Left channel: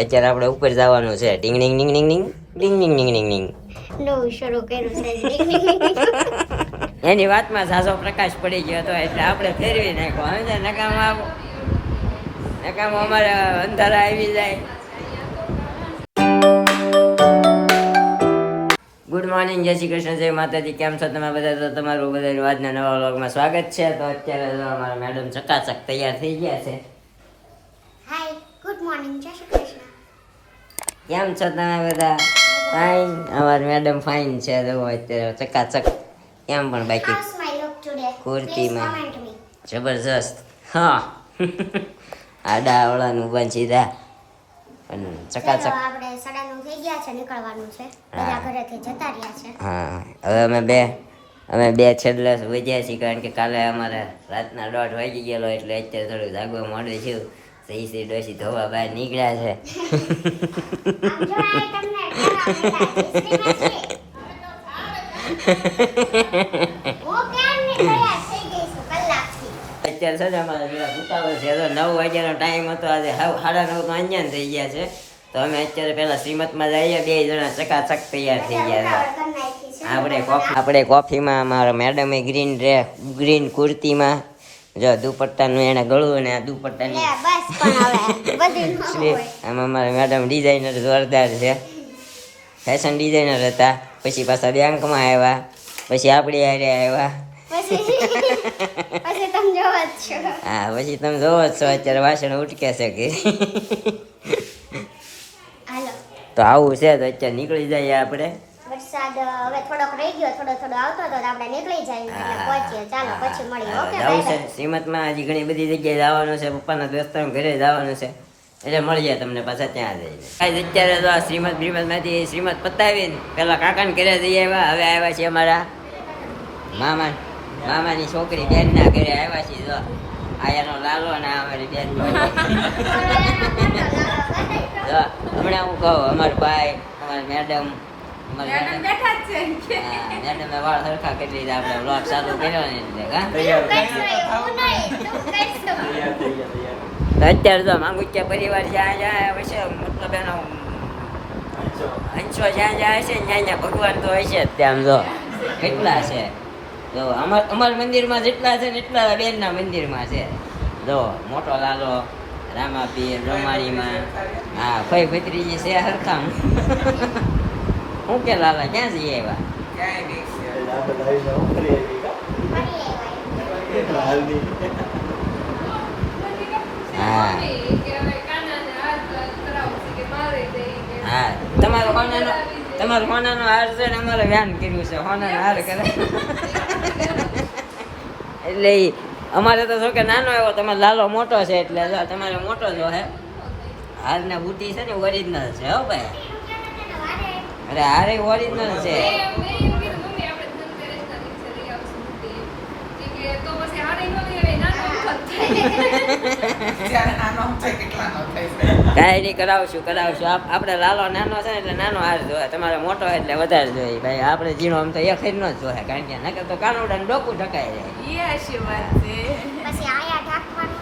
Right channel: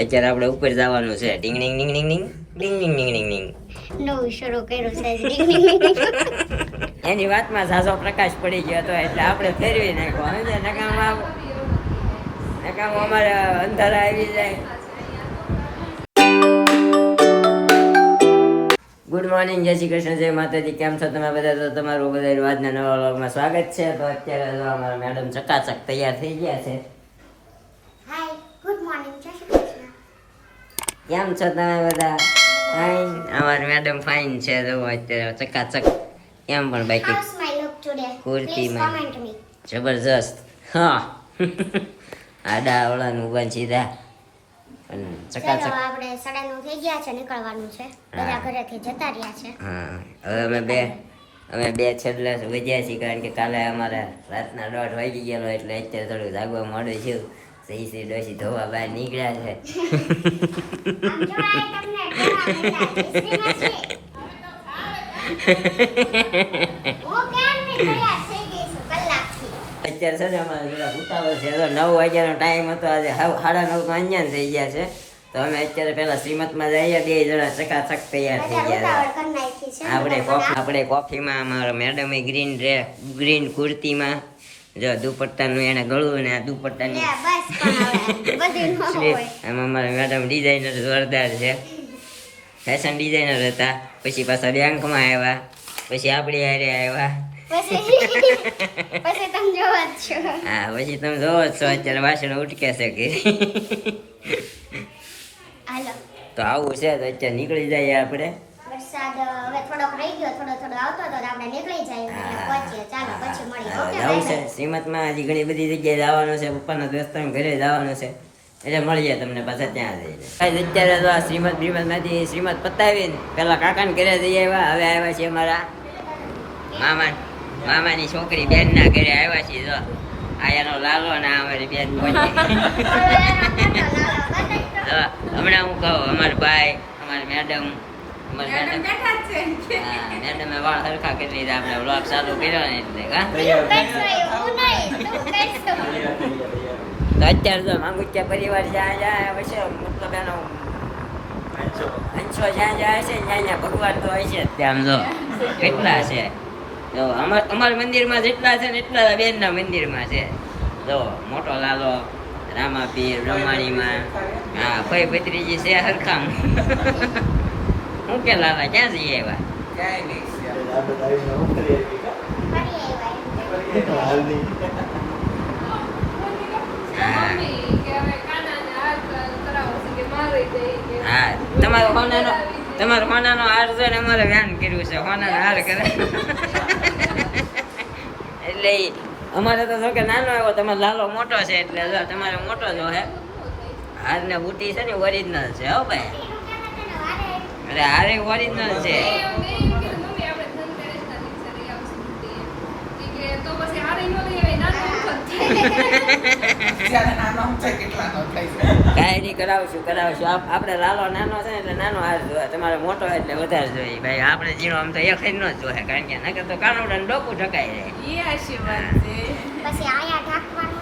અત્યારે આપણે ઉપર જવાનું છે. ડિંગ ડિંગ ડિંગ ડિંગ ડિંગ ડિંગ ડિંગ ડિંગ ડિંગ ડિંગ. નવું શરૂ કર્યું છે. એની વાતમાં ઝાઝો પ્રકાશ પડી ગયો હતો એટલે આપણે ફેરવી નાખ્યો. હવે નકામ અમારે અંધારા આવી જાય. ગુડ મોર્નિંગ, જય શ્રી કૃષ્ણ, જય માતાજી. કેમ છો તમે બધા? તો તમારું બધાનું આજના નવા વ્લોગમાં સ્વાગત છે. તો અત્યારે જો અમારા મેડમ ચકાચક તૈયાર થઈ ગયા છે. હાય, ગુડ મોર્નિંગ, જય શ્રી કૃષ્ણ. કેમ છો તમે બધા? ફાઇન. અમારી મેડમ ફાઇન છે. જો અત્યારે ચકાચક. કેમ પણ બાકી How's my look today? કુર્તીમાં. Please comment me. જબરજસ્ત. હા. આડા અવળાનું બંધ સીધા અને ચલો ચકાચક. આપણે 9:30 થઈ ગયા છે, નીકળવાનું છે. બધા ઘરેથી જતા રહ્યા છે. હા, હવે અમે બે છેલ્લે વજ્યા છીએ કારણ કે કાલે અમારે રાતના 1:30 વાગી ગયેલો એટલે અત્યારે થોડું જાગવા મોડું થયું. સહી ડોસી ધોવા બહાર નીકળ્યા છે. આમ જો આ તમને હિસ્ટ્રીમાં છે. હું કેમ ની તૈયાર થઈ ગઈ છું કલાકથી. અત્યારે છે ને અમારે જરા ઉતાવળ છે. તો 9 વાગ્યાનો ટાઈમ હતો, આજે 9:30 તો અંજાન થઈ ગયા છે. તો અમે અત્યારે પેલા શ્રીમતમાં જઈએ, બે જણા ચકાચક તૈયાર થઈ ગયા છે. કરી નાખી છે. આપણે કોફીમાં અમારા મેડમે ગ્રીન કુર્તીમાં જો દુપટ્ટાનું એને ગળું અને આ દુપટ્ટાની લે, બસ પણ હવે બધું ન હોય. આમાં અમારા મેડમ ડિઝાઇનર જોરદાર છે. ફેશન ડિઝાઇનર હતા, પછી પાછા બેંકમાં આવ્યા, પછી આપણી હારે આવ્યા. પછી તમે જોવો જ છો. હા, પછી તમે જોવો જ છો અત્યારે વાસણ ઉટકે છે કે. હાલો, તો આવું છે. તો અત્યારે નીકળી જઈએ આપણે. વરસાદ હવે થોડોક રહી ગયો, થોડો આવતો તો આપણે નીકળી જઈએ એટલે પહોંચીએ. ચાલો પછી મળીએ. ઓકે, જવું છે શ્રીમતમાં. હજી ઘણી બધી જગ્યાએ જવાનું છે. પપ્પાના દોસ્તાના ઘરે જવાનું છે એટલે મળીએ તમને પાછા ત્યાં જઈને. અત્યારે તો આ શ્રીમતમાંથી શ્રીમત પતાવીને પેલા કાકાને ઘરે જઈ આવ્યા. હવે આવ્યા છીએ અમારા મામાની છોકરી બેનના ઘરે આવ્યા છીએ. જો આયાનો લાલો ને આ અમારી બેન. હમણાં હું કહું, અમારા ભાઈ, અમારી મેડમ મેડમે વાળ સરખા કરી લીધા. આપણે વ્લોગ ચાલુ કર્યો ને એટલે તું કરશો એવું નહીં, તું કરશો. અત્યારે તો માંગુચ્યા પરિવાર જ્યાં જાય હશે, મતલબ એનો અંશો જ્યાં જાય છે ત્યાં ભગવાન તો હશે જ. ત્યાં જો કેટલા છે. જો અમારા મંદિરમાં જેટલા છે ને એટલા બેનના મંદિરમાં છે. જો મોટો લાલો, રામાપીર, રમાણીમાં, હા ભાઈ ભત્રીજી છે હરખામ. હું કે લાલા ક્યાં જઈએ એવા? હા, તમારો હોનાનો હાર છે ને અમારે ધ્યાન કર્યું છે. હોનાનો હાર કરે એટલે અમારે તો જો કે નાનો એવો, તમારો લાલો મોટો છે એટલે તમારે મોટો જો હે. હાર ને બુટી છે ને ઓરિજિનલ છે. હો ભાઈ, અરે હારે ઓરિજિનલ છે. કાંઈ નહીં, કરાવશું. આપણે લાલો નાનો છે ને એટલે નાનો હાર જોવે, તમારે મોટો એટલે વધારે જોઈએ. ભાઈ આપણે જીનો આમ તો એક જ ન જોવે કારણ કે નકર તો કાનુડા ડોકું ઢકાઈ જાય. પછી આયા ઢાંકવાનું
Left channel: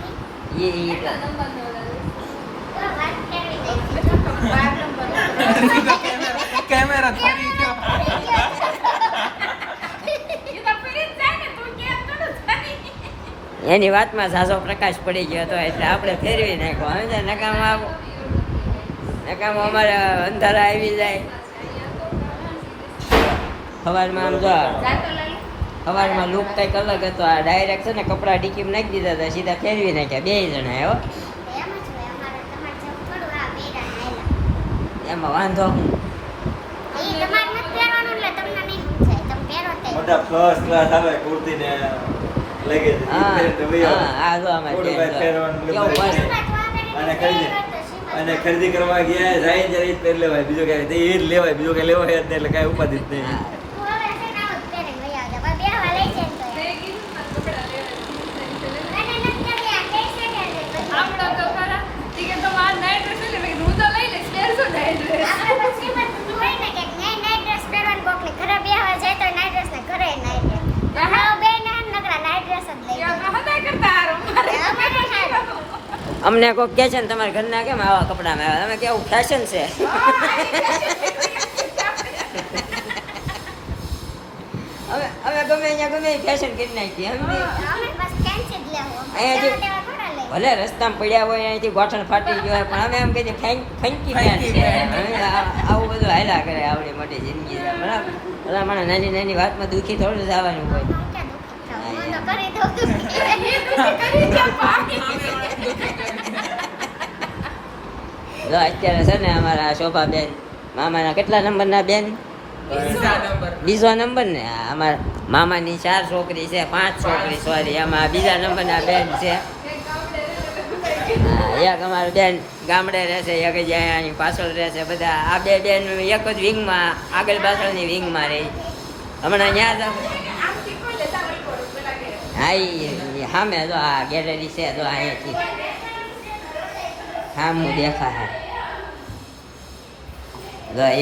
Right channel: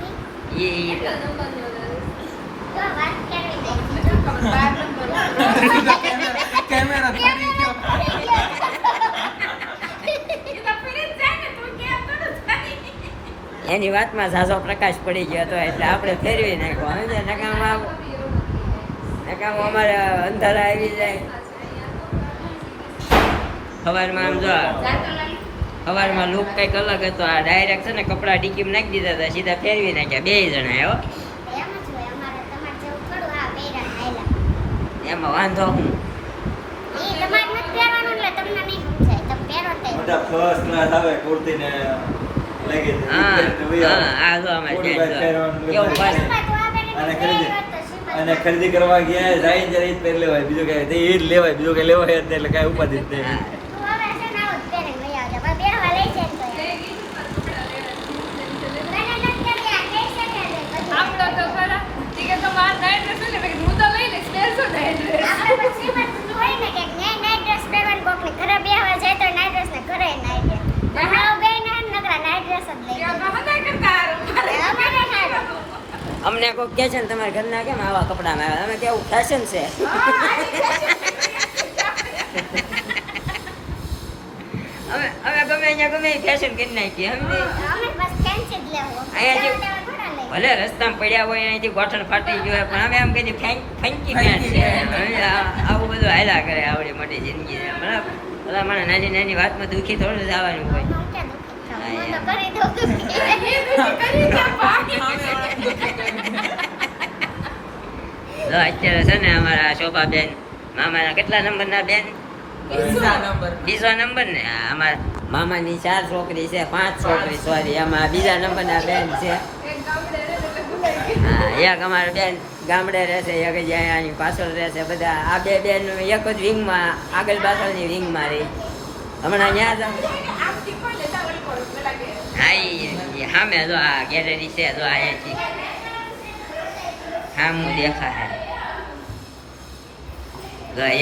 એની વાતમાં ઝાઝો પ્રકાશ પડી ગયો હતો એટલે આપણે ફેરવી નાખ્યો. હવે નકામ અમારે અંધારા આવી જાય. સવારમાં આમ જો સવારમાં લુક કંઈક અલગ હતો. આ ડાયરેક્ટ છે ને કપડાં ટીકીમાં નાખી દીધા હતા, સીધા ફેરવી નાખ્યા બે જણા. એવો એમાં વાંધો હું અને ખરીદી કરવા ગયા જાય ત્યારે જ પહેરી લેવાય, બીજું કઈ એ જ લેવાય, બીજું કઈ લેવાય જ નહીં એટલે કઈ ઉપાધિ જ નહીં. તમને કોઈક કહે છે ને તમારા ઘરના કેમ આવા કપડામાં આવ્યા, તમે કેવું ફેશન છે. હવે ગમે અહીંયા ગમે ફેશન કરી નાખી સમજી. અમે બસ ફેન્સી જ લેવું. અહીંયા તેવા તેવા થોડા લઈએ. ભલે રસ્તામાં પડ્યા હોય અહીંથી ગોઠણ ફાટી ગયું હોય પણ અમે એમ કહીએ ફંકી પેન્ટ છે. હવે આવું બધું હાલ્યા કરે આવડી મોટી જિંદગી છે બરાબર. ભલા મને નાની નાની વાતમાં દુઃખી થોડું જવાનું હોય. હું ક્યાં દુખી થાઉં? હું તો કરી દઉં દુખી. જો અત્યારે છે ને અમારા શોભાબેન મામાના કેટલા નંબરના બેન? બીજો નંબર ને. અમારા મામાની 4 છોકરી છે, 5 છોકરી સોરી, એમાં બીજા નંબરના બેન છે. હા એક અમારી બેન ગામડે રહેશે, એક જ અહીંયા પાછળ રહેશે. બધા આ બે બેન એક જ વિંગમાં આગળ પાછળની વિંગમાં રહી. હમણાં ત્યાં જાવ હા સામે જો આ ગેલેરી છે જો અહીંયાથી સામું દેખાશે.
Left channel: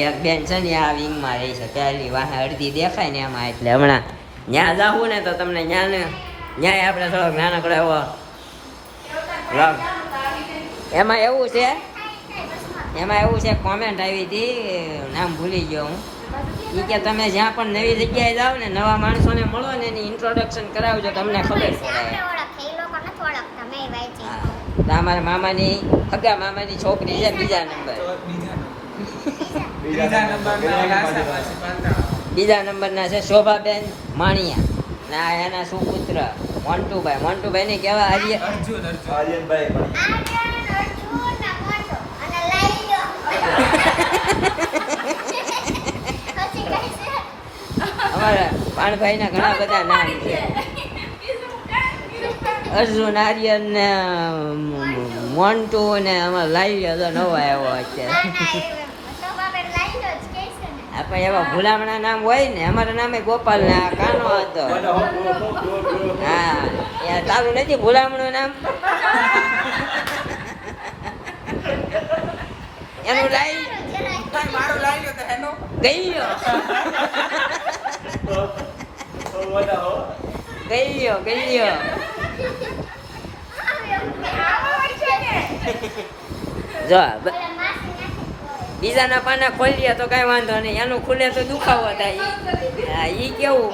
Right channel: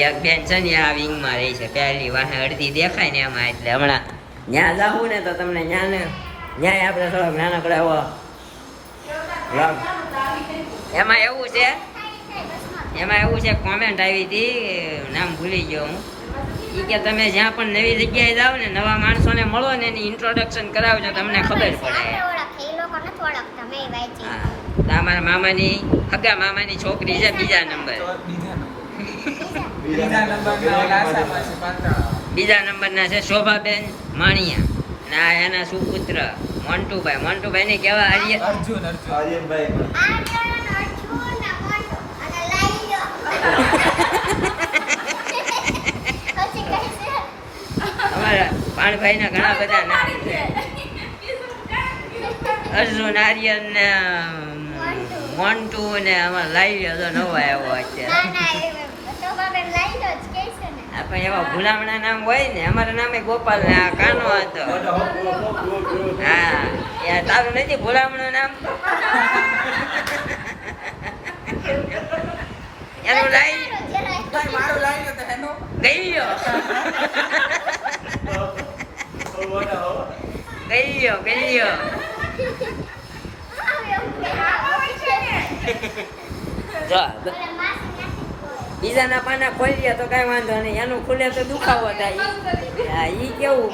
એક બેન છે ને આ વિંગમાં રહી છે, પહેલી વાહે અડધી દેખાય ને એમાં. એટલે હમણાં ત્યાં જાવું ને તો તમને ન્યાય આપણે થોડોક નાનકડો એવો વ્લોગ. એમાં એવું છે કોમેન્ટ આવી હતી, નામ ભૂલી ગયો હું. એ કે તમે જ્યાં પણ નવી જગ્યાએ જાઓ ને નવા માણસોને મળો ને એની ઇન્ટ્રોડક્શન કરાવજો, તમને ખબર પડે. ઓળખે એ લોકો નથી ઓળખતા. મેં વાંચી. હા તો અમારા મામાની હગા મામાની છોકરી છે બીજા નંબર. બીજા નંબરના છે શોભાબેન માણિયા ના એના સુપુત્ર મોન્ટુભાઈ ને કેવા આર્યનભાઈ અમારા પાણભાઈ ના ઘણા બધા નામ છે. અર્જુન આર્યન ને મોન્ટુ ને અમારા લાઈ નવો આવ્યો અત્યારે. આપણે એવા ભૂલામણા નામ હોય ને, અમારા નામે ગોપાલ ને આ કાનો હતો. હા એ તારું નથી ભૂલામણું નામ? એનું લાઈ ગયો જો બીજાના પાના ખોલીએ તો કઈ વાંધો નહીં, એનું ખુલે તો દુખાવો થાય. હા ઈ કેવું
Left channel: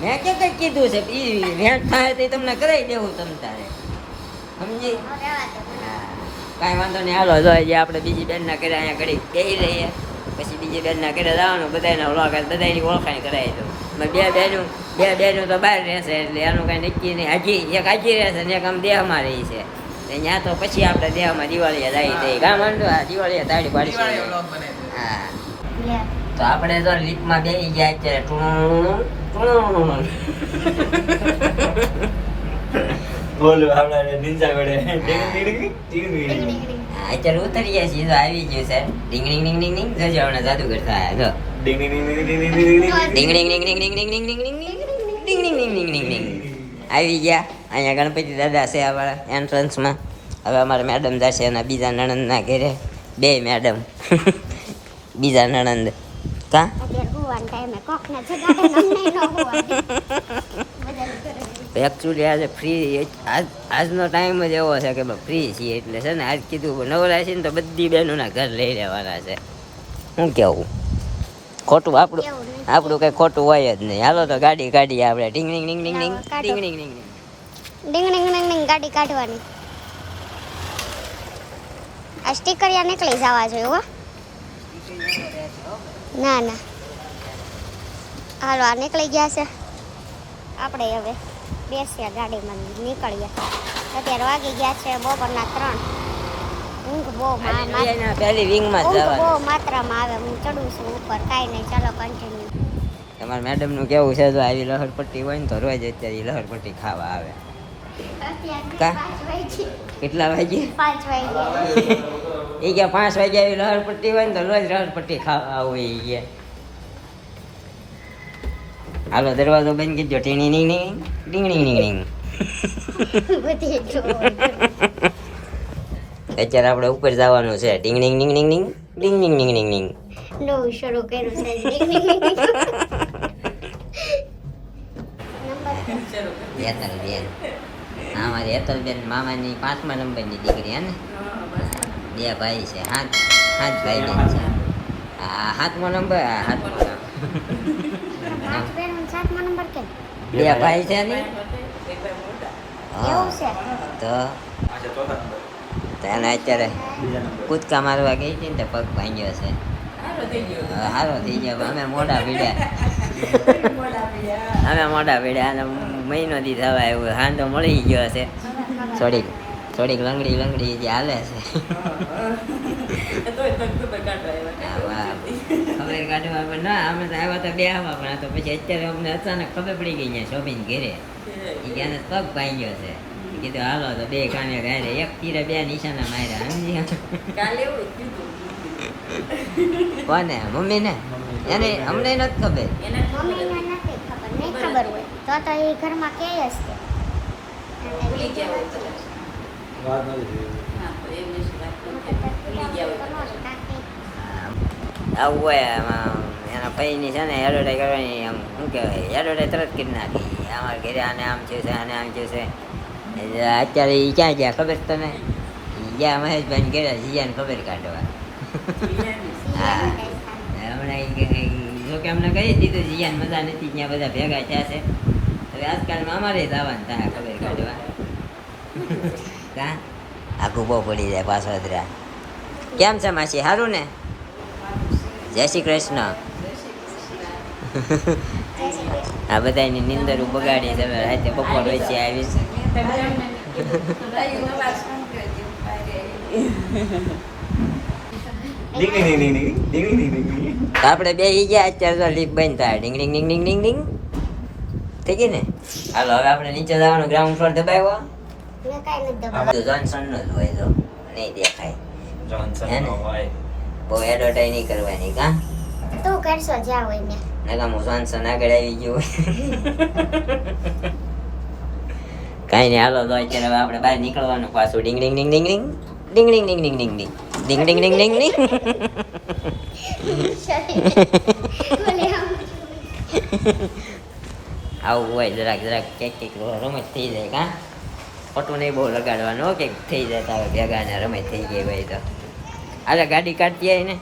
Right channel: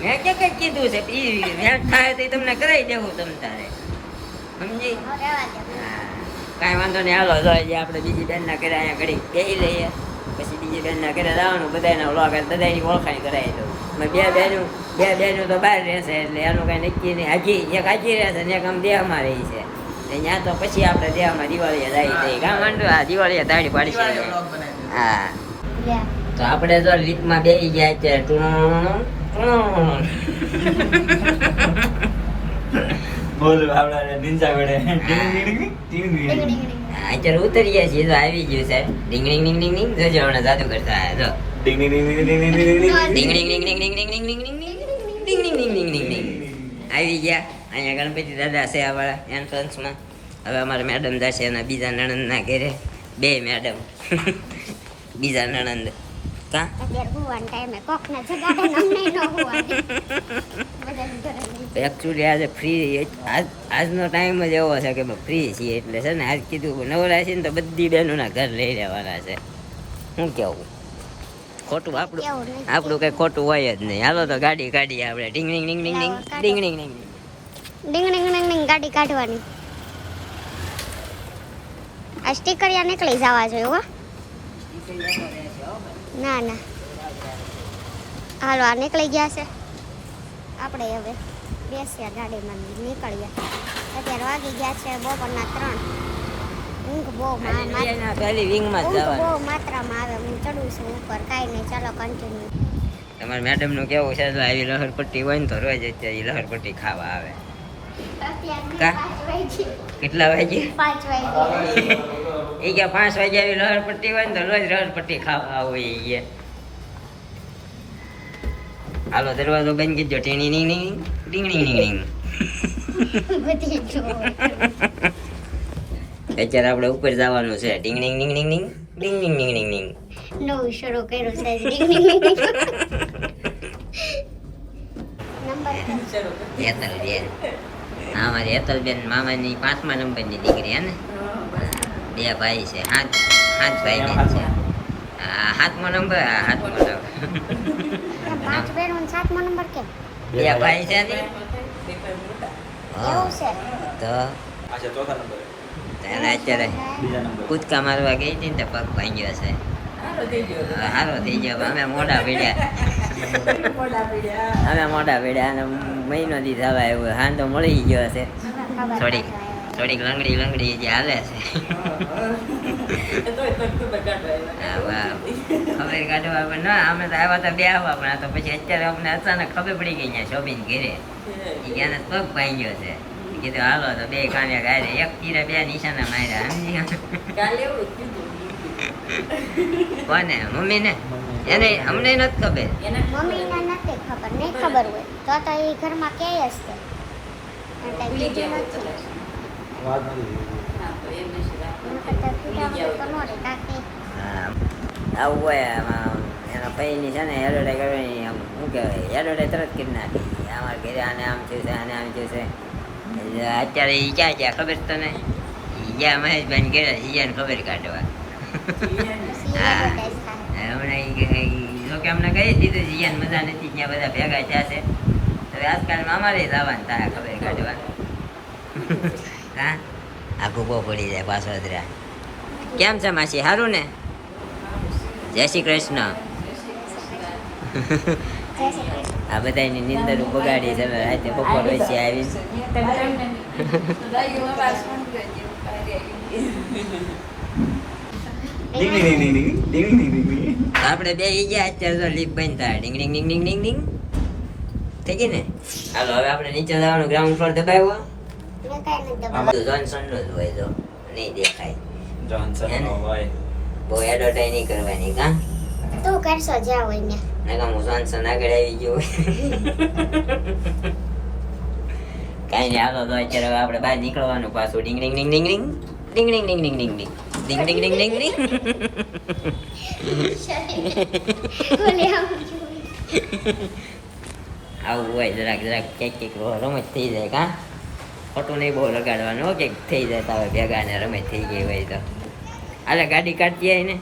મેં કે કીધું છે ઈ ભેટ થાય તો તમને કરાવી દેવું તમ તારે સમજી. કાંઈ વાંધો નહીં હાલો જોઈએ આપણે બીજી બેનના ઘરે અહીંયા ઘડી બેસી લઈએ, પછી બીજી બેનના ઘરે જવાનું. બધાના વ્લોગ બધાની ઓળખાણ કરાવી દઉં. બે બેનું તો બહાર રહેશે એટલે એનું કાંઈ નક્કી નહીં. એક હાજી રહેશે ને એક આમ દેહમાં રહી છે. ત્યાં તો પછી આપણે દેહમાં દિવાળીએ જાય જઈએ કાં માંડું આ દિવાળીએ તાળી પાડી. હા તો આપણે તો લીટમાં બેસી ગયા અત્યારે. અત્યારે ઉતરી ગયા છીએ તો આવી ગયું છે. ડીંગ ડીંગ ડીંગ ડીંગ ડીંગ જજો હમણાં જાદુ કરતા જો ડીંગ ડીંગ ડીંગ ડીંગ ડીંગ ડીંગ ડીંગ ડીંગ ડીંગ ડીંગ ડીંગ ડીંગ આવી ગયા. અહીંયા ગણપતિ દાદા છે અમારા એન્ટ્રન્સમાં. હવે અમારા મેડમ જશે એના બીજા નણંદના ઘરે. બે મેડમ બીજા નણંદ કા એકચ્યુઅલી આજે ફ્રી આજનો ટાઈમ જ એવો છે કે ફ્રી છીએ એટલે છે ને આજ કીધું નવરા છે ને તો બધી બહેનોના ઘર લઈ લેવાના છે. શું કેવું ખોટું આપણું કઈ ખોટું હોય જ નહીં. હાલો તો ગાડી કાઢીએ આપણે. ડીંગ ડીંગ ડીંગ ડીંગ ડીંગ ડીંગ ડીંગ ડીંગ ડીંગ ડીંગ ડીંગ ડીંગ ગાડી કાઢવાની. આ સ્ટીકરિયા નીકળી જવા જોઈએ હો. ના ના હાલો આ નીકળી ગયા છે. આપણે હવે બેસીએ ગાડીમાં નીકળીએ. અત્યારે વાગી ગયા છે બપોરના 3. ઊંઘ બહુ માત્રામાં આવે. હું ચડું છું ઉપર. કાંઈ નહીં ચાલો કન્ટિન્યુ. તમારા મેડમનું કેવું છે જો આવી લહરપટ્ટી હોય ને તો રોજ અત્યારે લહરપટ્ટી ખાવા આવે. કેટલા વાગે? 5 વાગે. એ કે 5 વાગે આવી લહરપટ્ટી હોય ને તો રોજ લહરપટ્ટી ખાવા હોય એ. હાલો દરવાજો બંધ કીધો. ટીણી ning ning ning ning ning ning. અત્યારે આપણે ઉપર જવાનું છે. ટીંગ ટીંગ ટીંગ ટીંગ ટીંગ ટીંગ ટીંગ ટીંગ ટીંગ ટીંગ. નવું શરૂ કર્યું છે. ટીંગ ટીંગ ટીંગ. હેતલબેન હા મારી હેતલબેન મામાની 5મા નંબરની દીકરી હે ને 2 ભાઈ છે 5 ભાઈ બેન છે આ 7મો નંબર આ 7મો નંબર પાંચ બહેનો 7મો નંબર કેમ 2 ભાઈ છે ને એવું છે તો આ છે ચોથા નંબર એને અત્યારે કૂદકા મારવા ગઈ હતી ને તો પગ ભાંગ્યો છે હારો થઈ ગયો અમે મોઢા પીડ્યા અને મહિનો દી થવા એવું હાંધો મળી ગયો છે થોડીક લંગડી જે હાલે છે ખબર કાઢવા ના અમે તો આવ્યા હતા બે આવવા પણ આ તો પછી અત્યારે અમને અચાનક ખબર પડી ગઈ અહીંયા શોભીન ઘેરે એને પગ ભાંગ્યો છે કીધું હાલો તો 2 કાને ગાયરે 1 તીરે 2 નિશાના માર્યા સમજી કોને મમ્મી ને એને અમને નથી ખબર મમ્મી કાંઈ નથી ખબર નહીં ખબર હોય તો એ ઘરમાં કહે જ કે આવું હોય આમાં એના પૈની છે ને એડવર્ટાઈઝ કરવાની આમ શું કહેવાય એડવર્ટાઈઝ તરત કરી નાખી અમારા ઘરે આને આમ થયું છે આને આમ થયું છે અત્યારે એ ક્યાં ગયા ખબર છે તને ગયા મહેશભાઈ ઘરે જીયાને ખબર કાઢવા હા હમણાં લોકે અમને કહી દીધું જીયાને મજા નથી ત્યાં બધા ભેગા થયા છે હવે આજકાલમાં અમારે જવાનું થાય ખબર કાઢવા આખું બહુ પડી જાય પાછો અધરા કેમ છે માસી સારું ને જય શ્રી કૃષ્ણ આ બધાની નીંદર બગાડી તમે રાતે બપોર વચ્ચે આવી આપણે બે ગયા અત્યારે તો લીક બંધ થાય ડીંગ ડીંગ ડીંગ ડીંગ ડીંગ ડીંગ થઈ ગઈ ને હાલો હવે આપણે નીચે જવાનું ગ્રાઉન્ડ ફ્લોર દબાવ્યો જોન્સન નો જ હોય તો નહીં દેખાય બહુ એડવર્ટાઈઝ નહીં કરવાની કા તું કરશો જ્યાં હોય ને નકા હું જોન્સન આગળ આવી ગયો કાંઈ નહીં હાલો તો અત્યારે હવે આપણે બહાર નીકળવાનું પાછું ડીંગ ડીંગ ડીંગ ડીંગ ડીંગ ડીંગ ડીંગ ડીંગ ડીંગ ડીંગ ડીંગ ડીંગ ડીંગ ડીંગ ડીંગ ડીંગ આવું હોય જરાક કંઈક રમત થઈ જાય કા ખોટું નહીં બહુ લગાડવાનું કંઈક થઈ જાય તો ભેગા ને રમત થઈ ગઈ હોય તો હાલે ગાડી કાઢતી આવી ને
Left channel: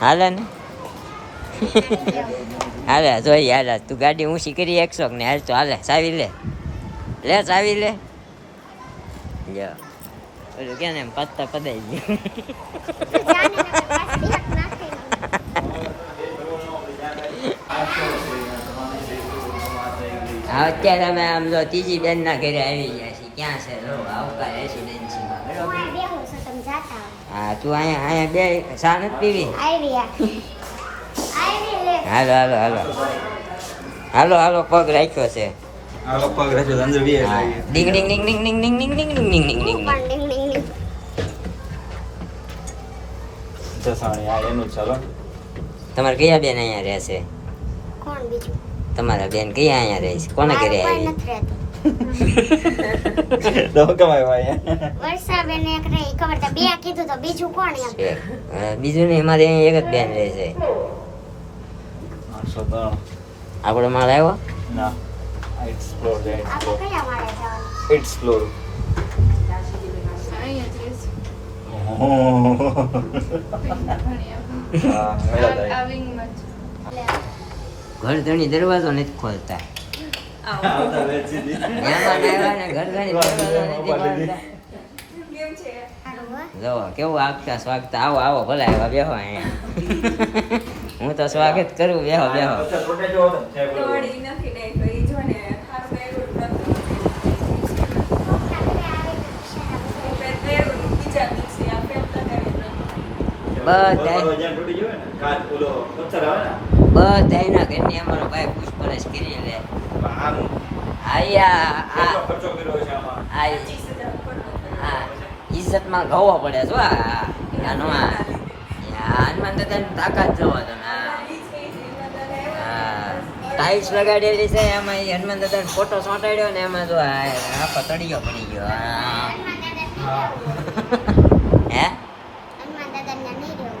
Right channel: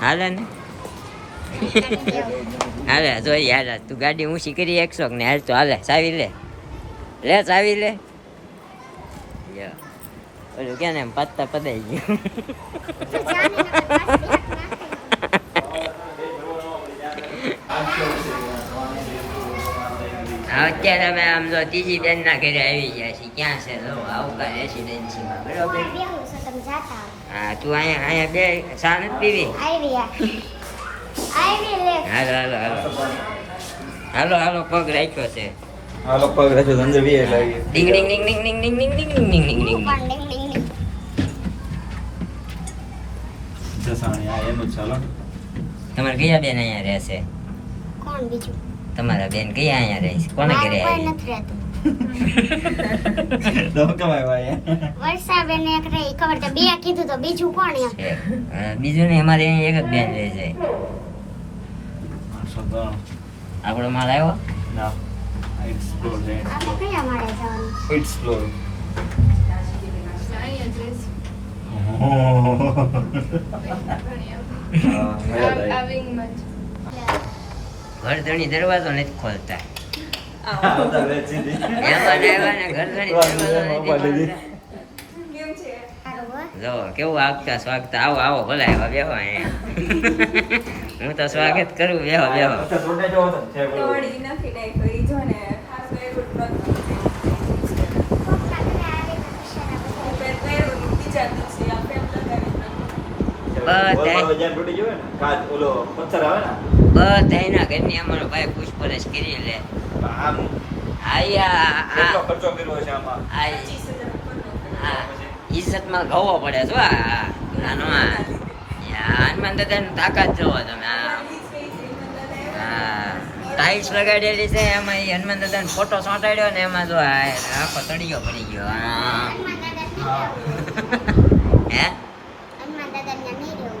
હાલે ને હાલે જોઈએ હાલે તું ગાડી ઊંચી કરી 100 ને હાલ તો હાલે ચાવી લે ચાવી લે ઓલું કે ને એમ પત્તા પદાઈ ગયું અત્યારે અમે આમ જો ત્રીજી બેન ના ઘરે આવી ગયા છીએ ક્યાં છે લો આવકાર રેસિડેન્સીમાં બરોબર હા તું અહીંયા બે ચા નથી પીવી હાલો પગ રાખ્યો છે ડીંગ ડીંગ ડીંગ ડીંગ ડીંગ ડીંગ ડીંગ ડીંગ ડીંગ ડીંગ ડીંગ ડીંગ તમારે કયા બેન અહીંયા રહેશે કોણ બીજું તમારા બેન કયા અહીંયા રહે છે કોને ઘરે આવી વર્ષાબેન એક રહી ખબર તો બે કીધું તો બીજું કોણ એમ બીજું ને અમારે અહીંયા એક જ બેન રહે છે આપણો માળ આવ્યો આપણે કયા મારે જવાનું ઘર ધણી દરવાજો નથી ખોલતા મહેમાન આવ્યા ને ઘર ધણી દરવાજો નથી ખોલતા જો કેવું આગતા સ્વાગતા આવો ભલે આવ્યા બેહો અહીંયા હું તો સ્વાગત કરું બેહો બધા ઘરની અમારો ભાઈ પૂછપરછ કરી લે ઇજ્જતમાં ગવો પડે છો હનુમાન દાદાની તાકાત જોવો તમે ટાઇલ્સ લગાડેલી છે એમાં હનુમાન દાદાનો ફોટો ચોંટાડ્યો ને એમાં જો આખો તળિયો પડી ગયો હે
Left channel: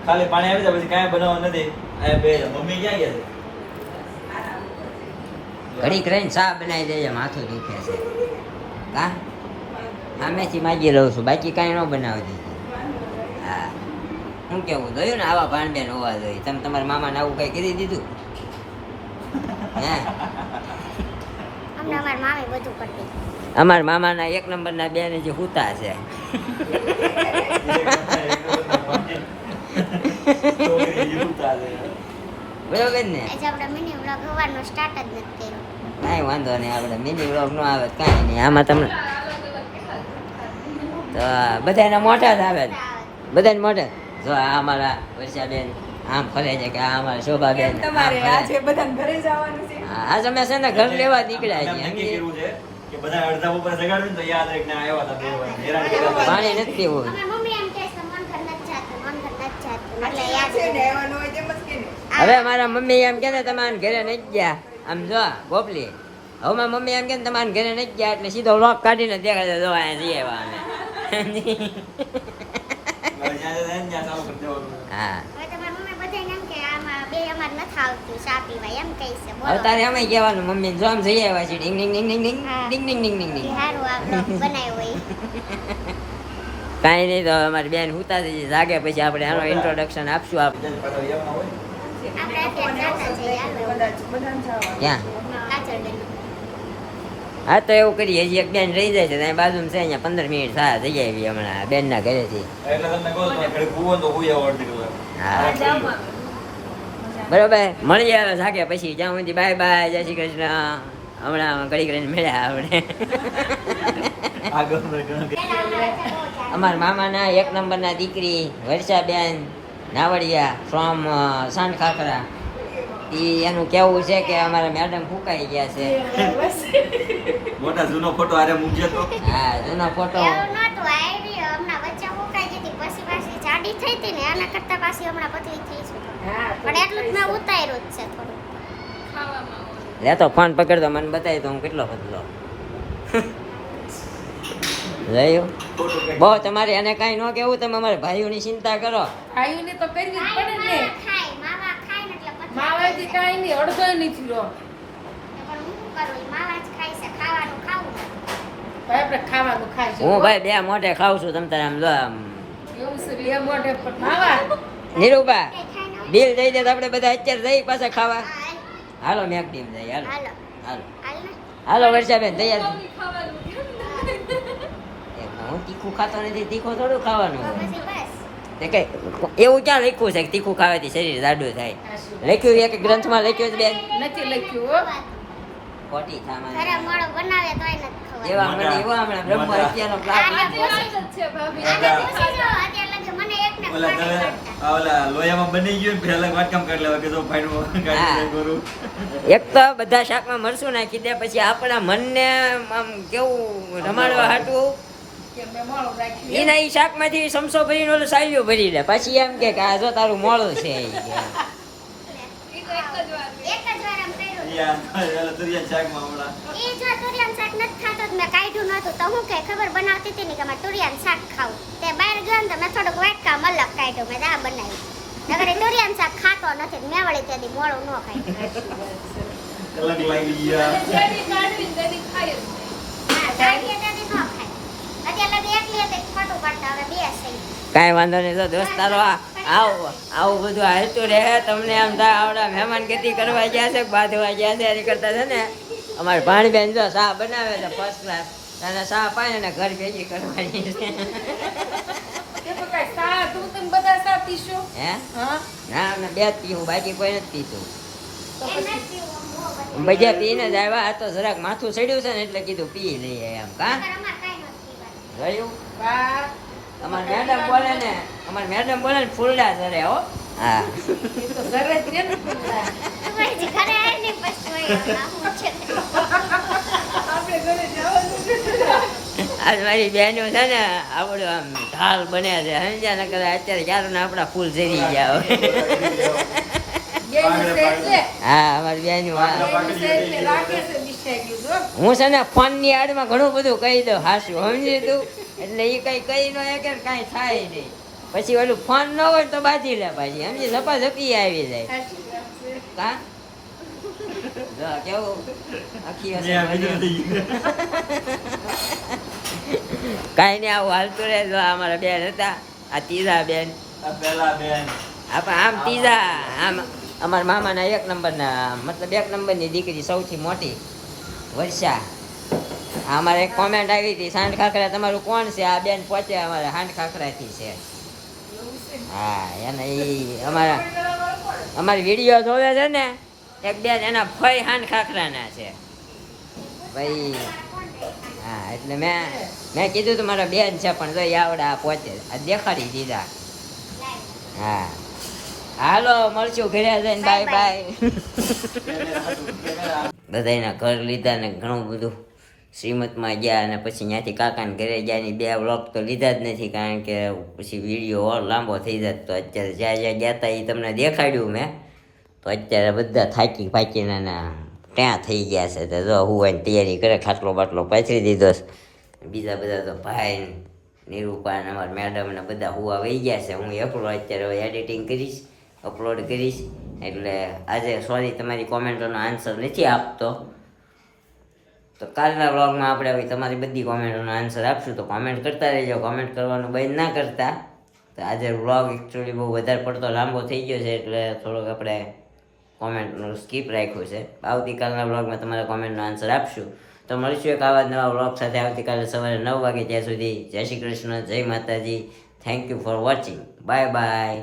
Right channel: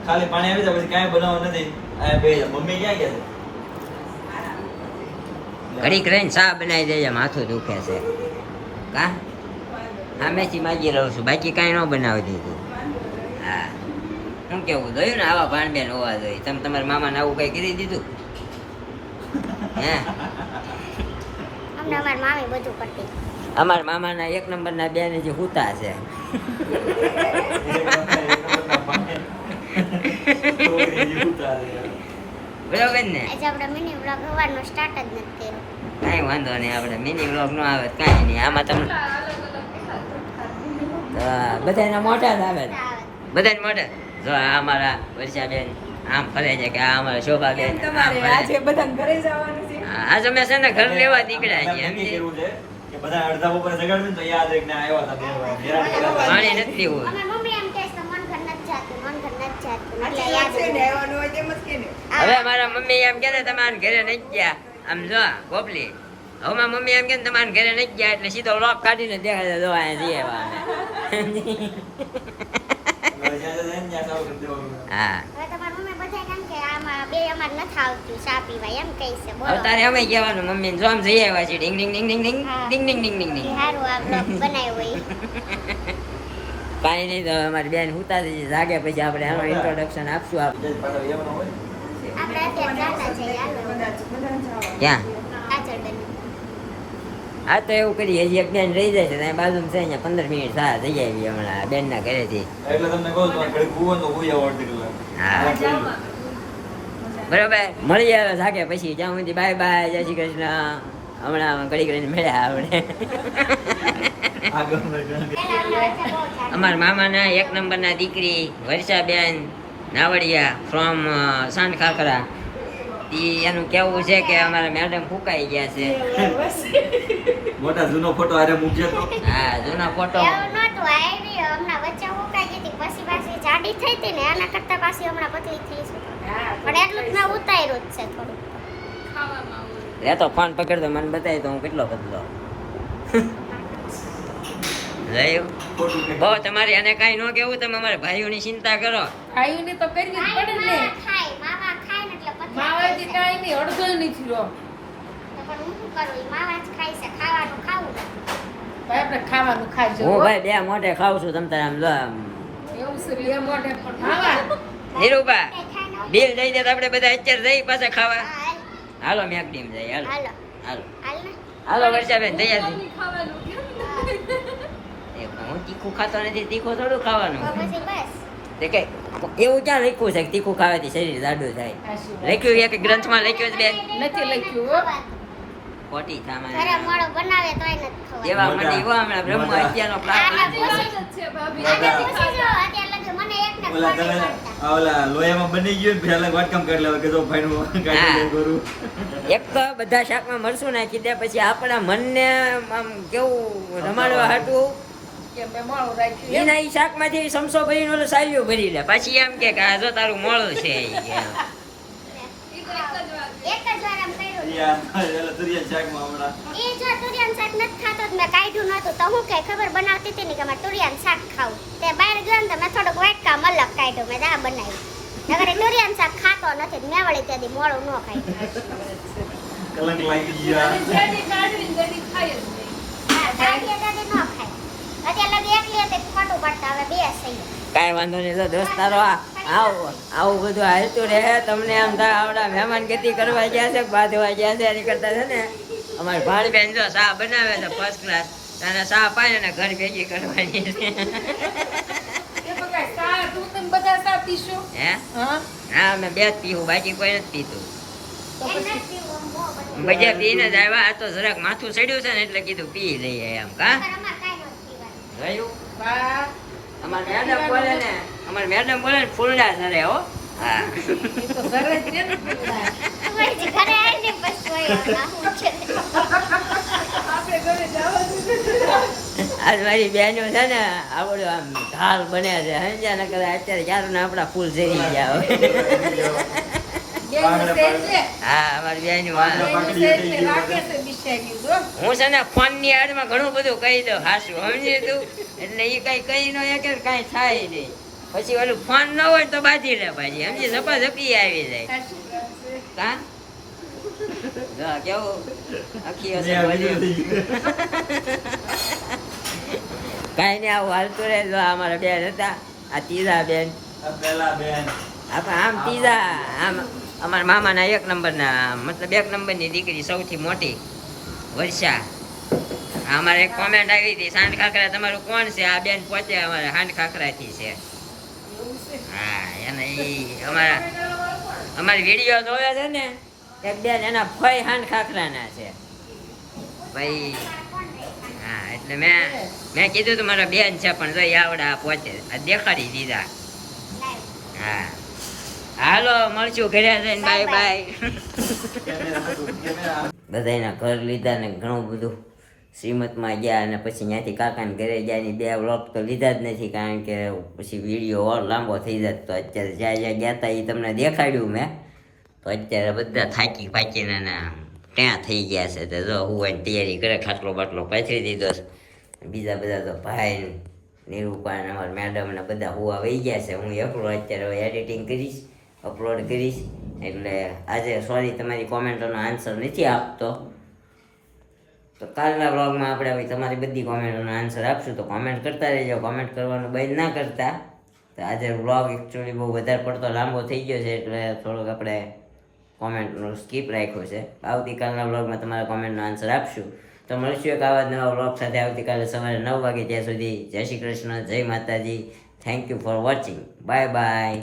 ખાલી પાણી આવી જાય પછી કાંઈ બનાવવું નથી. અહીંયા બે મમ્મી ક્યાં ગયા છે? ઘડીક રહીને ચા બનાવી દેજે, માથું દુખે છે. કા સામેથી માંગી લઉં છું, બાકી કાંઈ ન બનાવી દીધું. હા શું કેવું જોયું ને, આવા ભાણબેન હોવા જોઈએ. તમે તમારા મામાને આવું કઈ કરી દીધું? હે અમને અમારી મામી બધું કરતી. અમારા મામાના 1 નંબરના બેન જે હુતા છે. બરોબર ને? આજે આપણે મિની વ્લોગ સવારનો સ્ટાર્ટ જ નથી કર્યો. કાંઈ વાંધો નહીં, આપણે મિની વ્લોગ નો આવે તો કાંઈ નહીં. આમાં તમને તો બધાના મોટા જ આવે, બધાને મોટા. જો આ અમારા વર્ષાબેન આમ ફરે છે કે આ અમારા શોભાબેન આમ ફરે. આજે બધાને ઘરે જવાનું છે. આજ અમે છે ને ઘર લેવા નીકળ્યા છીએ. નક્કી કર્યું છે કે બધા અડધા ઉપર જગાડ્યું ને તો યાદ રહે કે ના આવ્યા હતા બોલવા. હેરાન કર્યા હતા. પાણી નથી પીવું. અમારી મમ્મી એમ કહે છે મન ઘર નથી જાતું, મન ઘર નથી જાતું. એટલે યાદ છે ને, રહે. આવવાનું હોય તેમ જ કે ને. હવે મારા મમ્મી એમ કે તમે આને ઘરે નથી ગયા, આમ જો ગોપલી. હવે મારા મમ્મી એમ કે તમારે ઘરે નથી ગયા એટલે સીધો વ્લોગ કાઢીને દેખાડે, જો અહીંયા જઈએ અમે. મારે જ્યાં જાય ને ત્યાં ચાલુ કરી દેવાનું. હા હવે તમારી મમ્મી બધાને એમ કે આમાં બે અમારે નથી આવતું ચા પીવા, એમ કહે છે. બોલો તારે અમે કહેવાનું મમ્મી જો આમ જઈ આવ્યા છીએ. ડિંગ ડિંગ ડિંગ ડિંગ ડિંગ હા. ડિંગ ડિંગ ડિંગ ડિંગ કે ડિંગ. સારું આ બ્લોગ બનાવ્યો હોય. કાંઈ નહીં, તો અમારી બેન હુતા થઈ જાગે પછી આપણે આનો ઇન્ટ્રોડક્શન આપશું. બીજા જ પાછા આવવાના હોય ને. આપણે અત્યારે જાતા જઈએ, હાલો. કદાચ બધાને જવાનું. ક્યાં? કાજલબેન. હા તો એવું કરીએ, હજી એક બેન રહી જાય છે ત્યાં બાજુમાં છે, અહીંયા 15 મિનિટ થયા થઈ જાય એવી હમણાં બેનના ઘરેથી. એટલે તમને કહું છું, ઘડીક હુવો તો હુઈ આવો અડધી કલાક. હા બરોબર, મળી આવે જાગે પછી. જ્યાં સુધી બાય બાય, જય શ્રી કૃષ્ણ. હમણાં ઘડીક રહીને મળ્યા આપણે. આગળના ઘણા અમારા મામાના 1 નંબરના દીકરી વર્ષાબેન નાવડિયા ફ્રોમ સાંઢખાખરા. એનું કેવું છે કે અમારા મેડમ ફૂંકાઈ ગયા છે. મોટા જૂનો ફોટો આરે મૂકજે તો. હા જૂનો ફોટો. એવું નહોતું, આવી હમણાં વચ્ચે ઉકાઈ ગઈ હતી, પછી પાછી જાડી થઈ હતી ને, આના કરતા પાછી હમણાં પતલી થઈ છે. પણ એટલું જ મેં ઉતાર્યું જ છે થોડુંક. લે તો ફોન પકડતો મને બતાવી તો હું કેટલો બદલો. જોયું? ખોટું કંઈ. બહુ તમારે એને કાંઈ ન કેવું, તમે અમારા ભાઈઓની ચિંતા કરો. ખાઈને તો કરવી જ પડે ને. માવા ખાય, માવા ખાય ને એટલે પતલા માવાથી થાય છે. કાંઈ નહીં, અડધો નથી રહ્યો. પણ હું શું કરું, ઈ માવા જ ખાય છે, ખાવાનું ખાવું ને. આપણે ખાવાનું ખાઈ હું ભાઈ 2 મોઢે ખાઉં છું, તમ તારે આમ જો આમ. એવું છે, બે મોઢે પણ ખાવા. નીરુબા બિલ દઈ દે તો આપણે બધા અત્યારે જઈ પાછા ખાવા. હાલો મેક ટીમ જઈ, હાલો હાલો હાલો હાલ ને. હાલો વર્ષાબેન તૈયાર થઈ. હું તીખું ખાતો નથી, તીખું થોડું ખાવાનું. તો પછી બસ. તે કે એવું ક્યાં લખ્યું છે કે તીખું ખાવાથી શરીર જાડું થાય? લખ્યું એક ગ્રંથમાં લખ્યું છે બેન? નથી લખ્યું હો. ખોટી સામાન. ઘરે મોળો બનાવે તોય નથી ખવાય. એવા મને એવા હમણાં બ્રહ્મ હત્યાનો આને પ્રાપ્ત. પૂછી છે ભાભી. આને પૂછી લો, અત્યારે લગે મને એકને ઓલા ખબર તમે નથી. આ ઓલા લોયામાં બની ગયું ને પછી અલગ વાટકામ કરી લેવા કે જો ભાઈનું કાઢી દે કરું. એક તો બધા શાકમાં મરચું નાખી દે, પછી આપણા મનને આમ કેવું રમાડવા હાટું કે મેં મોળું રાખ્યું. એના ઈ શાકમાંથી સમસો ભરીને ઓલું સાલ્યું ભરી લે, પછી એમ કે આ જો તારું મોળું છે ઈ કે. એક જ વાર આમ કર્યું ને. ઈ આ ઓલા તુરિયા શાકમાં હમણાં. ઈ જો તુરિયાનું શાક નથી ખાતો તો મેં કાઢ્યું નહોતું, તો હું કે ખબર બનાવતી હતી ને કે મારે તુરિયાનું શાક ખાવું. તે બહાર ગયો ને તો મેં થોડુંક વાટકામ અલગ કાઢ્યું, મેં આ બનાવ્યું. નકર એ તુરિયાનું શાક ખાતો નથી, તો મેં વળી તેથી મોળું ન ખાય. કલંક લાગી ગયા. જેની કાઢવીને તેની ખાય જ નહીં. હા, દાઢીએ દાઢી ન ખાય. અત્યારે લગી એકલી હતી તો ખોટું પડતા, હવે બે થઈ. કાંઈ વાંધો નહીં, તો દોસ્તારો આવું બધું હાલતું રહે. તમને આમ થાય આવડા મહેમાન ગતિ કરવા ગયા છે, બાંધવા ગયા છે, એની કરતા છે ને અમારી ભાણીબેન જો ચા બનાવે છે ફર્સ્ટ ક્લાસ, અને ચા પાય ને ઘર ભેગી કરવાની છે. એ તો કાંઈ સા, તું તમે બધા સા પીશો? હે હા? ના અમે 2 જ પીવું, બાકી કોઈ નથી પીતું. તો પછી બધા પીને જ આવ્યા. આ તો જરાક માથું ચડ્યું છે ને એટલે કીધું પી લઈએ એમ. કા નકર અમારે કાંઈ નહોતું પીવાનું. ગયું? વાહ. અમારી મેડમ બોલે ને, અમારી મેડમ બોલે ને ફૂલડા સરે હો. હા એ તો ઘરે જ ને. તમારે જે ઘરે આવીને પછી હોય, આ હું છે. આપણે ઘરે જવાનું છે. આજ મારી બહેનો છે ને આવડું આમ ઢાલ બને છે, સમજ્યા? ન કરે અત્યારે ક્યારું ને આપણા ફૂલ ઝરી ગયા હોય. બેન છે એટલે. હા અમારી બહેનો બેન છે એટલે રાખે છે બિચારી જો. હું છે ને ફોન ની આડમાં ઘણું બધું કહી દઉં હાસું, સમજી તું? એટલે એ કઈ કહી ન કે કાંઈ થાય નહીં. પછી ઓલું ફોન ન હોય તો બાજી લે પાછી, સમજી? ઝપા ઝપી આવી જાય. કા જો કેવું આખી હશે ત્યાં બીજું બધું. થઈ ગયું. કાંઈ નહીં આવું હાલતું રહે. જો અમારા બેન હતા આ ત્રીજા બેન આ પેલા બેન આપણે આમ ત્રીજા આમ અમારા મામાના 1 નંબરના મતલબ 1 નંબરની દીકરી સૌથી મોટી વર્ષા. આ અમારે એક કોમેન્ટ આવી હતી સાંડ ખાખરા તમારું કોણ છે? આ બેન પોતે અમારે હાંડ ખાખરાથી છે. હા એને ઈ અમારી વિડીયો જોવે છે ને એક બેન એના ફઈ હાંડ ખાખરાના છે ભાઈ. હા એટલે મેં કીધું તું મારા બેન છે પણ જો ઈ આવડા પોતે આ દેખાડી દીધા. હા હાલો મળશું ઘરે જઈને. Bye bye. બધાના ઘર લીધા ને ઘણું બધું શ્રીમતમાં ગયા અને પછી ત્યાંથી કાકાને ઘરે ગયા ની 2 વ્લોગ તો લીધા જ નથી કારણ કે પછી વિડીયો લાંબો થઈ જાય. તો અત્યારે જ્યાં જ્યાં ગયા હતા એ તમને દેખાડ્યું મેં. તો અત્યારે બધા થાકી ફાકીને ત્યાં થઈ ગયા છે. તો જો હું એની તૈયારી કરે ખાટલો બાટલો પાથરી દીધો છે. બીજા બધા તો ભાઈ નિરૂપા ને અમારા મેડમ ને બધા હુવા વહી ગયા છે. હું એકલો અત્યારે હવે એડિટિંગ કરીશ, અપલોડ કરીશ. એટલે આજે સોરી તમારી કોમેન્ટોનો આન્સર નથી આપતો. તો કાલના વ્લોગમાં આપણે હવે તમારી બધી કોમેન્ટોનો આન્સર આપશું. તો કોમેન્ટ કરતા રહેજો, કોમેન્ટ કરવાનું બંધ ના કરતા. તો આજે વ્લોગ એકચ્યુઅલી બહુ વધારે પડતો લાંબો થઈ ગયો છે એટલે થોડોક આપણે કોમેન્ટનું સ્કીપ રાખ્યું છે. આવતીકાલના વ્લોગમાં તમારા કોમેન્ટનો આન્સર આપશું. તો મળશું એક આવા જ નવા વ્લોગ સાથે આવતીકાલે સવારે 9 વાગે. ત્યાં સુધી જય શ્રી કૃષ્ણ, જય માતાજી. Thank you for watching. Bye bye.